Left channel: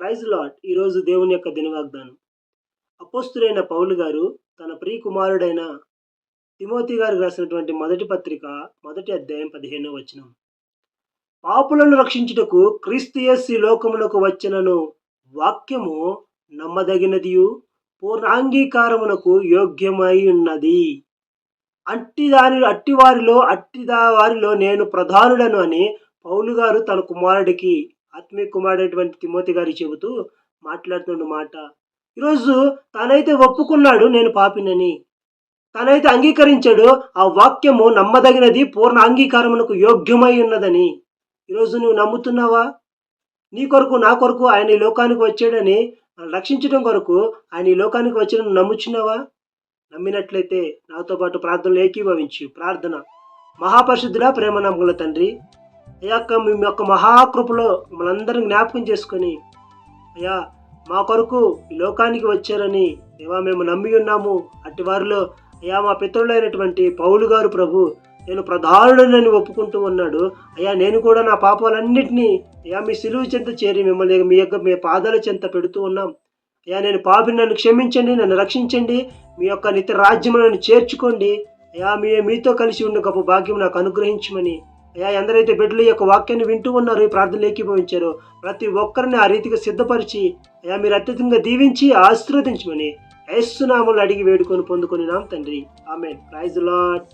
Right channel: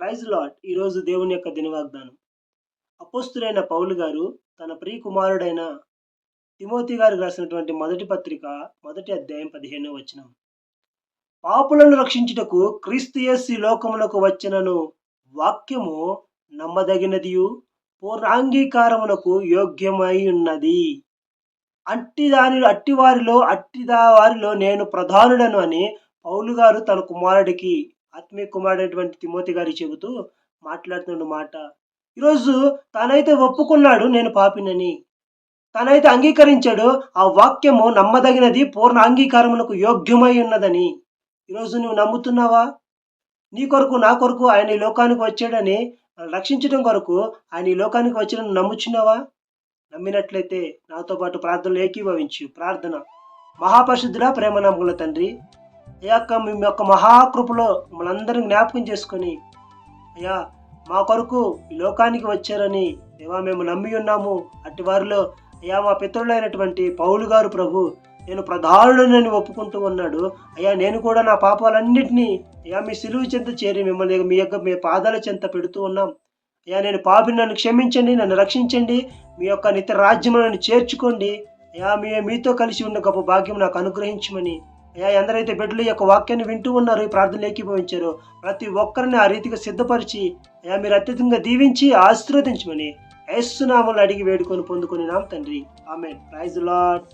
Praise lord. ఈరోజు దేవుని యొక్క దినవాగ్దానం. అపోస్తులైన పౌలు గారు తన ప్రియ కుమారుడైన తిమోతి గారికి రాసినటువంటి మొదటి పత్రిక మొదటి అధ్యాయం 15వ వచనం. పాపులను రక్షించుటకు క్రీస్తు యేసు ఈ లోకమునకు వచ్చినను వాక్యము నమ్మదగినదియు పూర్ణాంగీకారమునకు యోగ్యమై ఉన్నది. అట్టి వారిలో నేను ప్రధానుడను అని పౌలు గారు తన కుమారుడికి, ఆత్మీయ కుమారుడైనటువంటి తిమోతి గారికి చెబుతూ మాట్లాడుతున్న మాట. ఈరోజు తానైతే ఒప్పుకున్నాడు నేను పాపినని, తానైతే అంగీకరించాడు ఆ వాక్యము నమ్మదగినది, పూర్ణ అంగీకారమునకు యోగ్యమై ఉన్నదని. ఈరోజు నువ్వు నమ్ముతున్నావా? నీ కొరకు నా కొరకు ఆయన ఈ లోకానికి వచ్చాడని, రక్షించడం కొరకు ఆయన ఈ లోకానికి వచ్చాడని నమ్ముచున్నావా? నమ్మినట్లయితే నాతో పాటు ప్రార్థనలు ఏకీభవించు. ప్రార్థన. మహాపరిశుద్ధుడా, ప్రేమ నమ్మకముల తండ్రి, అయ్యా మీ యొక్క మహాకృపలో మమ్మల్ని అందరినీ జ్ఞాపకం చేసుకొని, అయ్యా మా కొరకు ఈ లోకానికి వచ్చారని దేవా మేము నమ్మి ఉన్నాము. అట్టి వారిలో అయ్యా మా పితరులైనటువంటి పౌలు గారు ప్రభు నేను ప్రధానుడని ఒప్పుకుంటూ ఉన్నాడు. అయ్యా నేను కూడా నా పాపాలన్నింటినీ అయ్యా మీ సిలువు చెంత చేరి మిమ్మల్ని మీ పాదాల చెంత పెడుతూ ఉన్నాం. అయ్యా నేను పాపిని, నన్ను క్షమించండి, నన్ను రక్షించండి, మీ యొక్క నిత్య రాజ్యమును నన్ను చేర్చుకోండి. అయ్యా మీతో కలిసి ఉన్న గొప్ప భాగ్యం నాకు అనుగ్రహించమని, అయ్యా ఎందరైతే బిడ్డలు యొక్క వాక్యాన్ని వింటూ ఉన్నారు, ఈ ప్రార్థనలు ఏకీభవించారో ప్రతి ఒక్కరిని ఆ రీతిగా సిద్ధపరిచి అయ్యా మీరు అత్యధికంగా దీవించి ఆశీర్వదించమని యేసు నామములో అడిగి వేడుకొని పొందుకొని నాం తండ్రి. ఆమేన్. Praise lord.